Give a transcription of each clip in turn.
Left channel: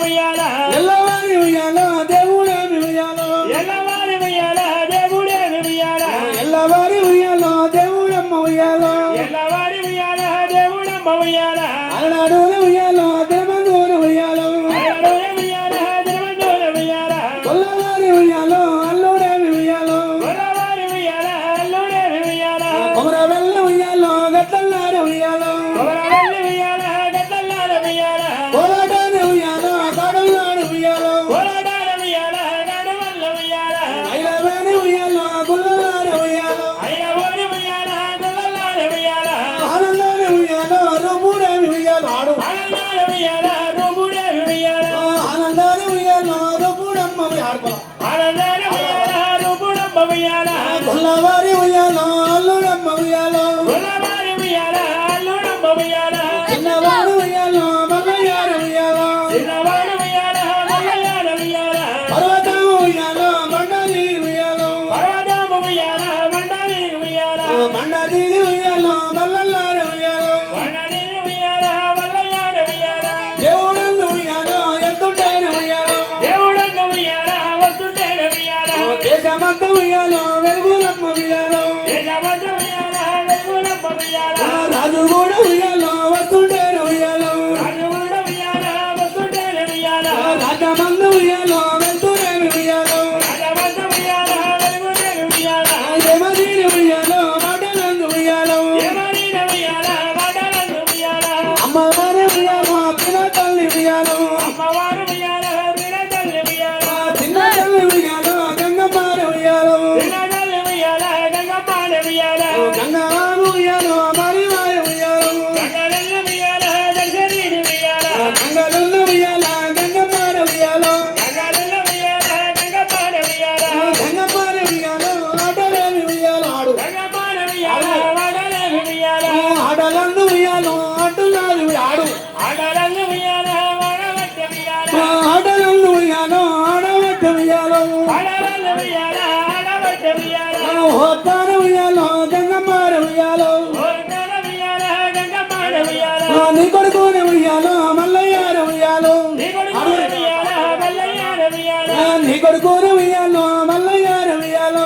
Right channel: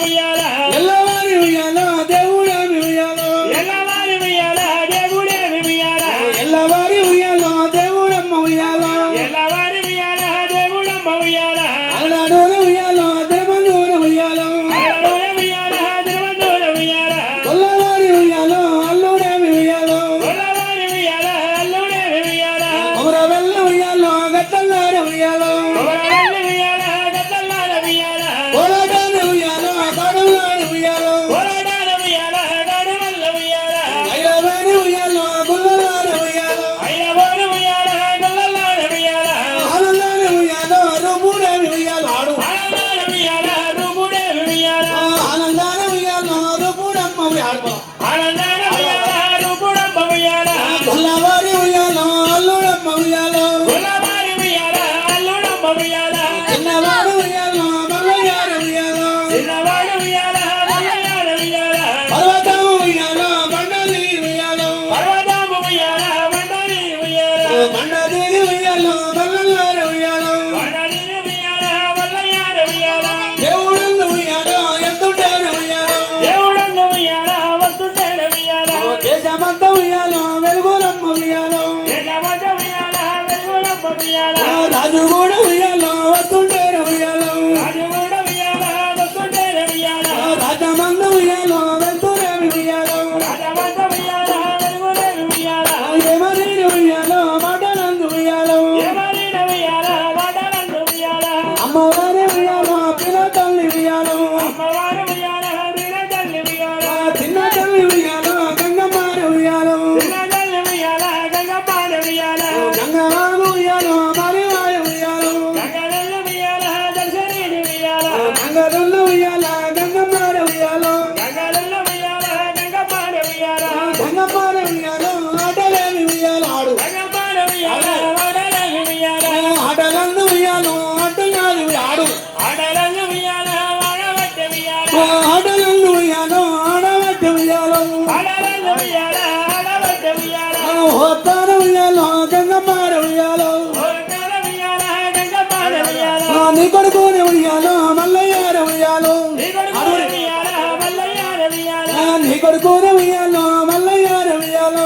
ఉయ్యాల ఎల్లవారి ఉయ్యాల దేవుడేమి ఉయ్యాల ఎల్లవారి ఉయ్యాల దేవుడేమి ఉయ్యాల ఎల్లవారి ఉయ్యాల దేవుడమ్మ ఉయ్యాల ఎల్లవారి ఉయ్యాల దేవుడమ్మ ఉయ్యాల అలడోల ఉయ్యాల దేవదూర ఉయ్యాల అలడోల ఉయ్యాల దేవదూర ఉయ్యాల కొల్లవారి ఉయ్యాల అల్లుడేమి ఉయ్యాల కొల్లవారి ఉయ్యాల అల్లుడేమి ఉయ్యాల కొమరవెల్ల ఉయ్యాల గట్టల్లార ఉయ్యాల కొమరవెల్లి ఉయ్యాల గద్దల్లార ఉయ్యాల కోలాటాన ఉయ్యాల కడులార ఉయ్యాల కోలాడార ఉయ్యాల గడువల్ల ఉయ్యాల ఐలవారి ఉయ్యాల గుల్లలార ఉయ్యాల ఐలవోరు ఉయ్యాల గొల్లలార ఉయ్యాల ఆనందాల ఉయ్యాల రఘుడేమి ఉయ్యాల ఆడు ఆనందాల ఉయ్యాల రఘుడేమి ఉయ్యాల ఆనందాల ఉయ్యాల రఘుడమ్మ ఉయ్యాల ఆనందాల ఉయ్యాల రఘుడమ్మ ఉయ్యాల కొల్లవారి ఉయ్యాల అల్లుడమ్మ ఉయ్యాల కొల్లవారి ఉయ్యాల అల్లుడమ్మ ఉయ్యాల చిన్నవారి ఉయ్యాల మల్లయ్యార ఉయ్యాల చిన్నవాడు ఉయ్యాల మల్లయ్యాల ఉయ్యాల పర్వతం ఉయ్యాల మండలి ఉయ్యాల పర్వతమ్మ ఉయ్యాల మండలి ఉయ్యాల మండలి ఉయ్యాల మల్లయ్యార ఉయ్యాల మండలి ఉయ్యాల మల్లయ్యాల ఉయ్యాల దేవుడన్న ఉయ్యాల ఎత్తుంటార ఉయ్యాల దేవుడన్న ఉయ్యాల వస్తుంటేన ఉయ్యాల దేశమంతా ఉయ్యాల వెలుగులమ్మ ఉయ్యాల దేశమంత ఉయ్యాల వెలుగులమ్మ ఉయ్యాల రాజు కూడా ఉయ్యాల వస్తుంటార ఉయ్యాల రాజు కూడా ఉయ్యాల వస్తుంటేన ఉయ్యాల రాజమందు ఉయ్యాల వెళ్తురేమి ఉయ్యాల రాజమంత ఉయ్యాల వెలుగులేని ఉయ్యాల యమనీని ఉయ్యాల మాటలందు ఉయ్యాల ఏమనీన ఉయ్యాల వాడలందు ఉయ్యాల అమ్మవారి ఉయ్యాల పిన తల్లి ఉయ్యాల అమ్మవారు ఉయ్యాల వీరతల్లి ఉయ్యాల చిన్న తల్లి ఉయ్యాల గంగమ్మారి ఉయ్యాల వీరతల్లి ఉయ్యాల గంగపాడ ఉయ్యాల గంగరాము ఉయ్యాల మరివారి ఉయ్యాల గంగరెల్లి ఉయ్యాల దశరీని ఉయ్యాల గంగరల్లు ఉయ్యాల గంగమ్మారి ఉయ్యాల గంగరెల్లి ఉయ్యాల గంగపాడ ఉయ్యాల గంగమ్మారి ఉయ్యాల ఆటలేని ఉయ్యాల ఆడు గంగపాడ ఉయ్యాల వాడలేని ఉయ్యాల ఆటలందు ఉయ్యాల ఆటలాడి ఆడు ఆడలందు ఉయ్యాల వాడవట్ట ఉయ్యాల ఆటలందు ఉయ్యాల ఆడవట్టు ఉయ్యాల ఆడలందు ఉయ్యాల ఆడవట్ట ఉయ్యాల వస్తాన ఉయ్యాల గంగమ్మారి ఉయ్యాల ఓరకాల ఉయ్యాల గంగపాడ ఉయ్యాల నీ కొడుకుని ఉయ్యాల మల్లయ్యార ఉయ్యాల నిగుడు ఉయ్యాల మల్లయ్యాల ఉయ్యాల నీ కొడుకుని ఉయ్యాల మల్లయ్యార ఉయ్యాల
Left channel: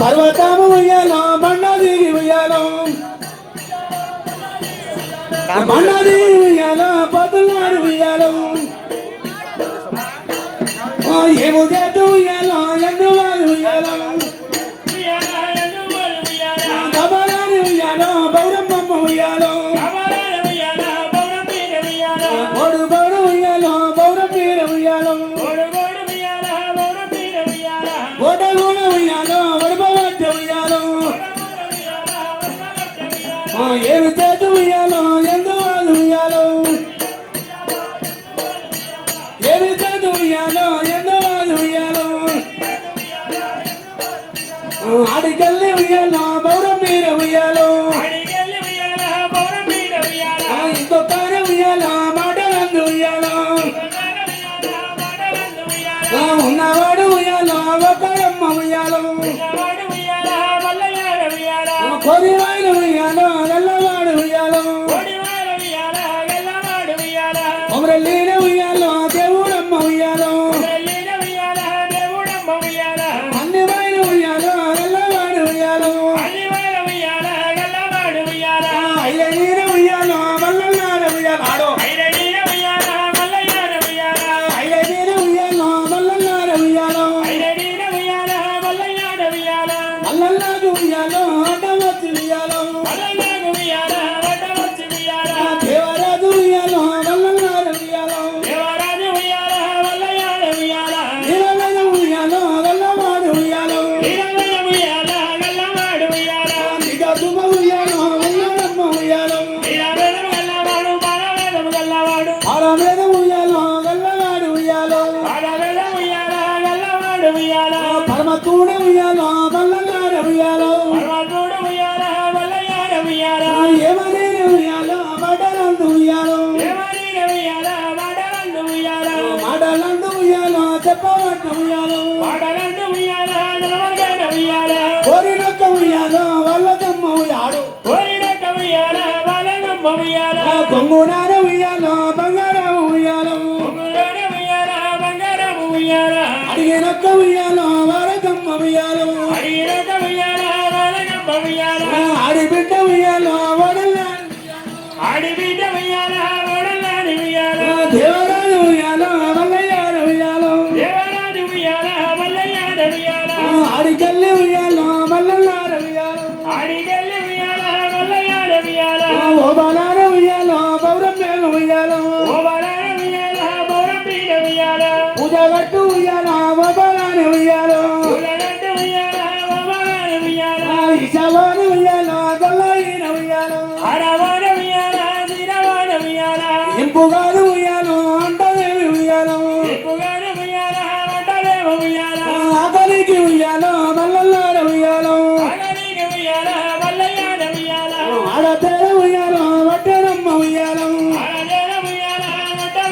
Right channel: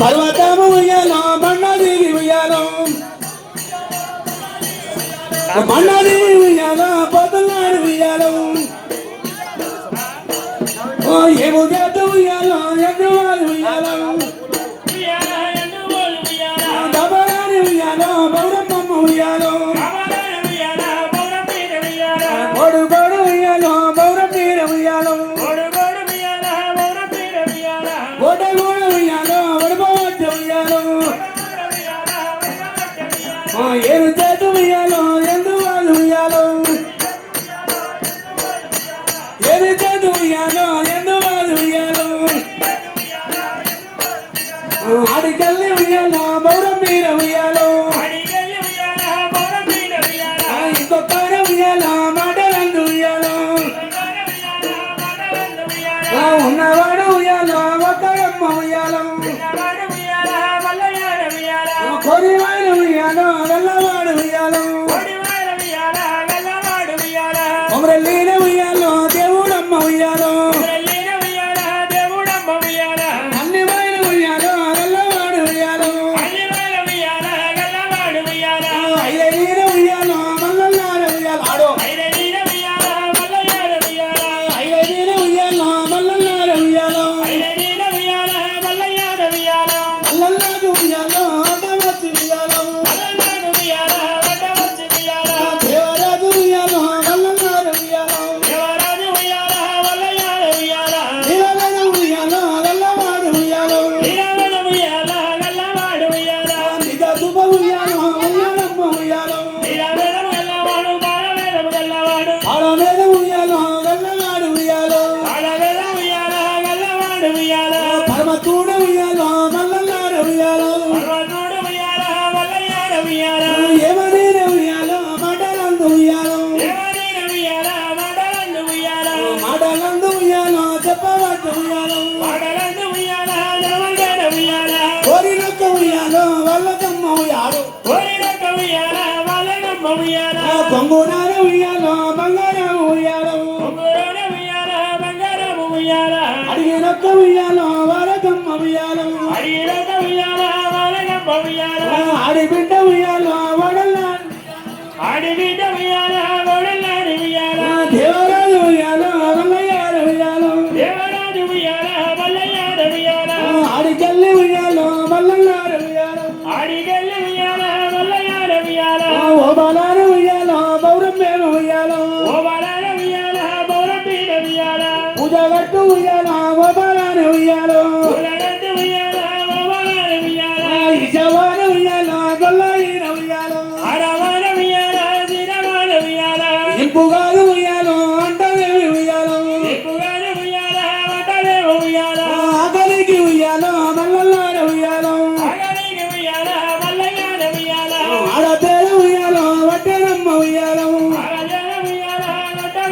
పర్వతము ఉయ్యాల బండదిగి ఉయ్యాల బండదిగి ఉయ్యాల పతులాడు ఉయ్యాల ఏడు గట్టు ఉయ్యాల ఎన్నువాడు ఉయ్యాల ఉయ్యాల ఎన్నువోలు ఉయ్యాల గబరాని ఉయ్యాల బౌరమ్మ ఉయ్యాల కమలాల ఉయ్యాల బౌరపీడ ఉయ్యాల గోడు గోడు ఉయ్యాల బౌరమ్మీర ఉయ్యాల గోడుగోడు ఉయ్యాల బౌరపీడ ఉయ్యాల గోడగోడ ఉయ్యాల వడపవట్ట ఉయ్యాల ఏడు చేతు ఉయ్యాల ఎన్నువాడు ఉయ్యాల ఏడు చేతు ఉయ్యాల ఎన్నువాడు ఉయ్యాల ఆడికెళ్ళి ఉయ్యాల బౌరమ్మీర ఉయ్యాల అడిగల్లి ఉయ్యాల బౌరపీడ ఉయ్యాల ఇంకొక ఉయ్యాల మాటలందు ఉయ్యాల వాడలందు ఉయ్యాల ఉన్నవాడు ఉయ్యాల ఒక్కడమ్మ ఉయ్యాల వాడు ఉయ్యాల మల్లయ్యాల ఉయ్యాల కొరివాడు ఉయ్యాల వెళ్ళవాడు ఉయ్యాల కోడివాడ ఉయ్యాల గల్లవాడు ఉయ్యాల కొమరలీన ఉయ్యాల దేవుడమ్మ ఉయ్యాల వెళ్ళిన ఉయ్యాల దేవుడమ్మ ఉయ్యాల అన్ని వైన ఉయ్యాల వెళ్ళవాడు ఉయ్యాల అల్లివేల ఉయ్యాల ఇప్పుగాదు ఉయ్యాలో అంటవేమి ఉయ్యాలో ఎక్కువగానే ఉయ్యాల వంటలేవు ఉయ్యాల ఆకలికి ఉయ్యాలో మల్లల్లార ఉయ్యాలో ఆగలికి ఉయ్యాల మల్లయ్యాల ఉయ్యాల ఆడతేర ఉయ్యాలో వట్టెనమ్మ ఉయ్యాలో ఆడదేన ఉయ్యాల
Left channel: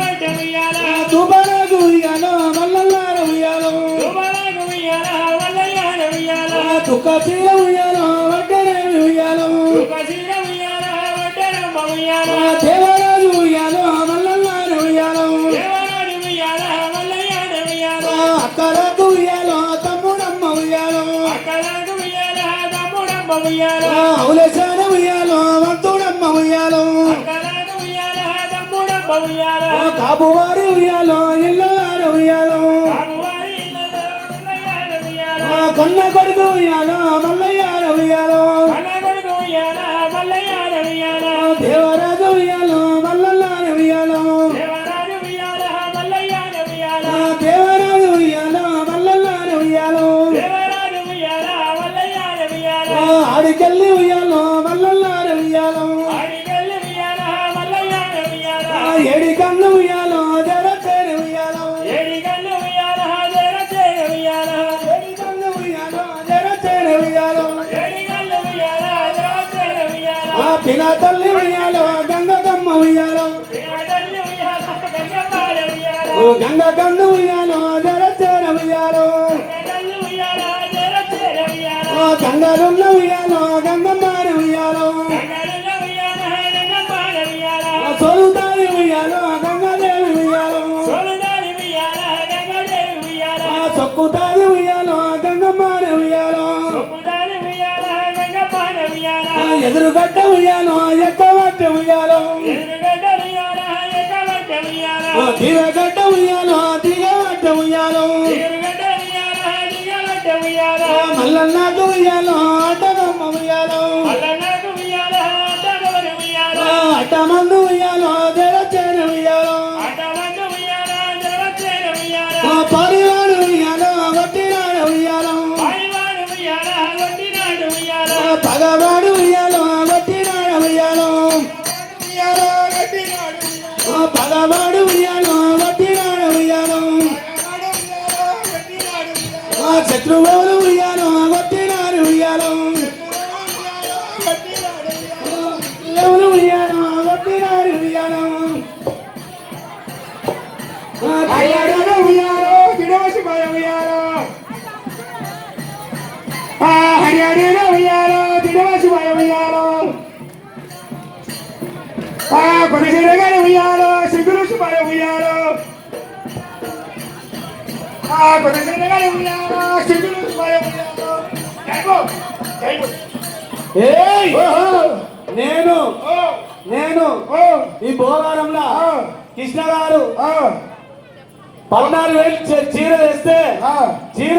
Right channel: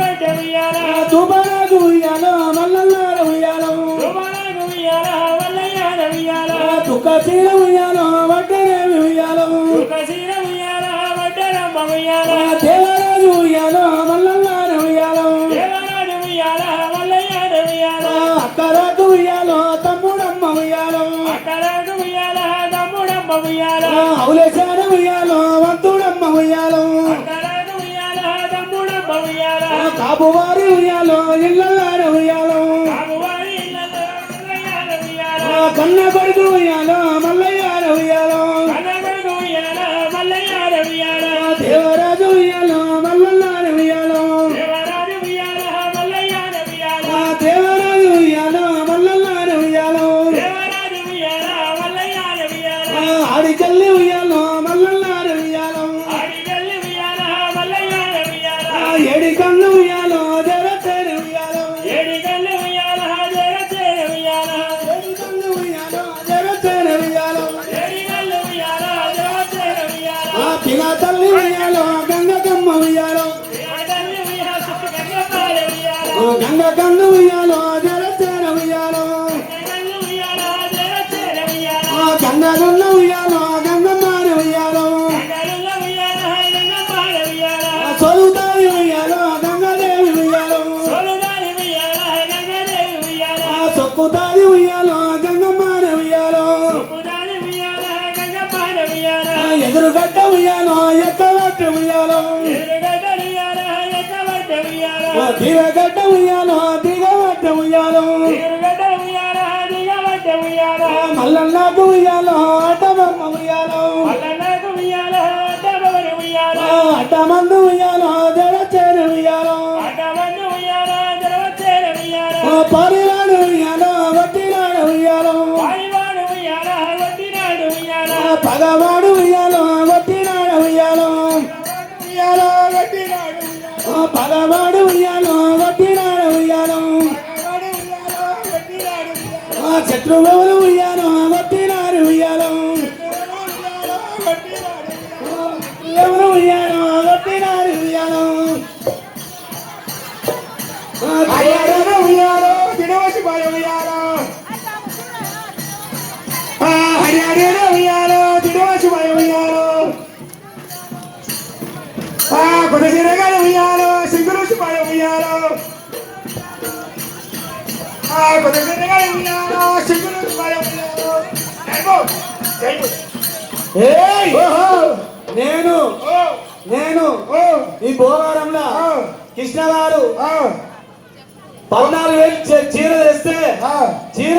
వంట ఉయ్యాల తుబరాకు ఉయ్యాలో మల్లల్లార ఉయ్యాలో తుమ్మలకు ఉయ్యాల మల్లయ్యాల ఉయ్యాల తుక్క చీర ఉయ్యాలో వట్టెనేమి ఉయ్యాలో తుకసీర ఉయ్యాల వంటరమ్మ ఉయ్యాల దేవరాజు ఉయ్యాలో మల్లల్లార ఉయ్యాలో దేవరాజు ఉయ్యాల మల్లయ్యాల ఉయ్యాల అక్కలకు ఉయ్యాలో తమ్ముడమ్మ ఉయ్యాలో అక్కలకు ఉయ్యాల తమ్ముడమ్మ ఉయ్యాల అవులచార ఉయ్యాలో వంతుడమ్మ ఉయ్యాలో అక్కలకు ఉయ్యాల తమ్ముడమ్మ ఉయ్యాల కాపువారి ఉయ్యాలో ఇళ్ళలార ఉయ్యాలో రామువారి ఇళ్ళలో మల్లయ్యాల ఉయ్యాల కన్న కొడుకు ఉయ్యాలో మల్లయ్యార ఉయ్యాలో కనగడు ఉయ్యాల మల్లయ్యాల ఉయ్యాల దేవరాజు ఉయ్యాలో మల్లల్లార ఉయ్యాలో దేవరాజు ఉయ్యాల మల్లయ్యాల ఉయ్యాల దేవరాజు ఉయ్యాలో మల్లల్లార ఉయ్యాలో దేవరాజు ఉయ్యాల మల్లయ్యాల ఉయ్యాల ఆడికెళ్ళి ఉయ్యాలో మల్లల్లార ఉయ్యాలో ఆడిగల్లి ఉయ్యాల మల్లయ్యాల ఉయ్యాల ఏడి కన్ను ఉయ్యాలో జరచేర ఉయ్యాలో ఏడిగల్లి ఉయ్యాల జరచేర ఉయ్యాల ఏడి కన్ను ఉయ్యాలో జరచేర ఉయ్యాలో ఏడిగల్లి ఉయ్యాల జరచేర ఉయ్యాల పిల్ల తల్లి ఉయ్యాలో గంగకమ్మ ఉయ్యాలో ఏడిగల్లి ఉయ్యాల గంగపాల ఉయ్యాల గంగ కన్ను ఉయ్యాలో జరచేర ఉయ్యాలో ఏడిగల్లి ఉయ్యాల జరచేర ఉయ్యాల గంగలున్న ఉయ్యాలో గంగమ్మార ఉయ్యాలో గంగలున్న ఉయ్యాల గంగపాల ఉయ్యాల సొలుతాయి ఉయ్యాలో గంగదేవి ఉయ్యాలో సోలుదారి ఉయ్యాల గంగదేవి ఉయ్యాల సొక్కుతాయి ఉయ్యాలో గంగమ్మార ఉయ్యాలో సుకుదారి ఉయ్యాల గంగపాల ఉయ్యాల ఎదురుగడ్డ ఉయ్యాలో ఎక్కవట్ట ఉయ్యాలో ఎదురుగడ్డ ఉయ్యాల ఎక్కవట్ట ఉయ్యాల దిగగడ్డ ఉయ్యాలో దిగవట్ట ఉయ్యాలో ఎదురుగడ్డ ఉయ్యాల దిగవట్ట ఉయ్యాల మల్లన్నకు ఉయ్యాలో అటమమ్మ ఉయ్యాలో మల్లన్నకు ఉయ్యాల అడ్డగవరు ఉయ్యాల అటమందు ఉయ్యాలో జరచేర ఉయ్యాలో అడ్డమందు ఉయ్యాల జరచేర ఉయ్యాల పరివాడు ఉయ్యాలో వట్టినాడ ఉయ్యాలో పాయివాడు ఉయ్యాల వట్టినాడు ఉయ్యాల పగవాడు ఉయ్యాలో వట్టినాడ ఉయ్యాలో పగవాడు ఉయ్యాలో వట్టినాడ ఉయ్యాలో శత్రువులు ఉయ్యాలో వట్టినాడు ఉయ్యాలో ఎవరు ఉయ్యాలో వట్టినాడు ఉయ్యాలో హరియాణ ఉయ్యాలో వినోసి భయం ఉయ్యాలో హరియాణ ఉయ్యాలో దినవాసి భయం ఉయ్యాలో కొనగిరగారు ఉయ్యాలో సిగ్గురుసి భయం ఉయ్యాలో కొనగిరగారు ఉయ్యాలో సిగ్గురుసి భయం ఉయ్యాలో నేను ఈ భోగారంలో కృష్ణగారు 14,000 చీర తెస్తే చీర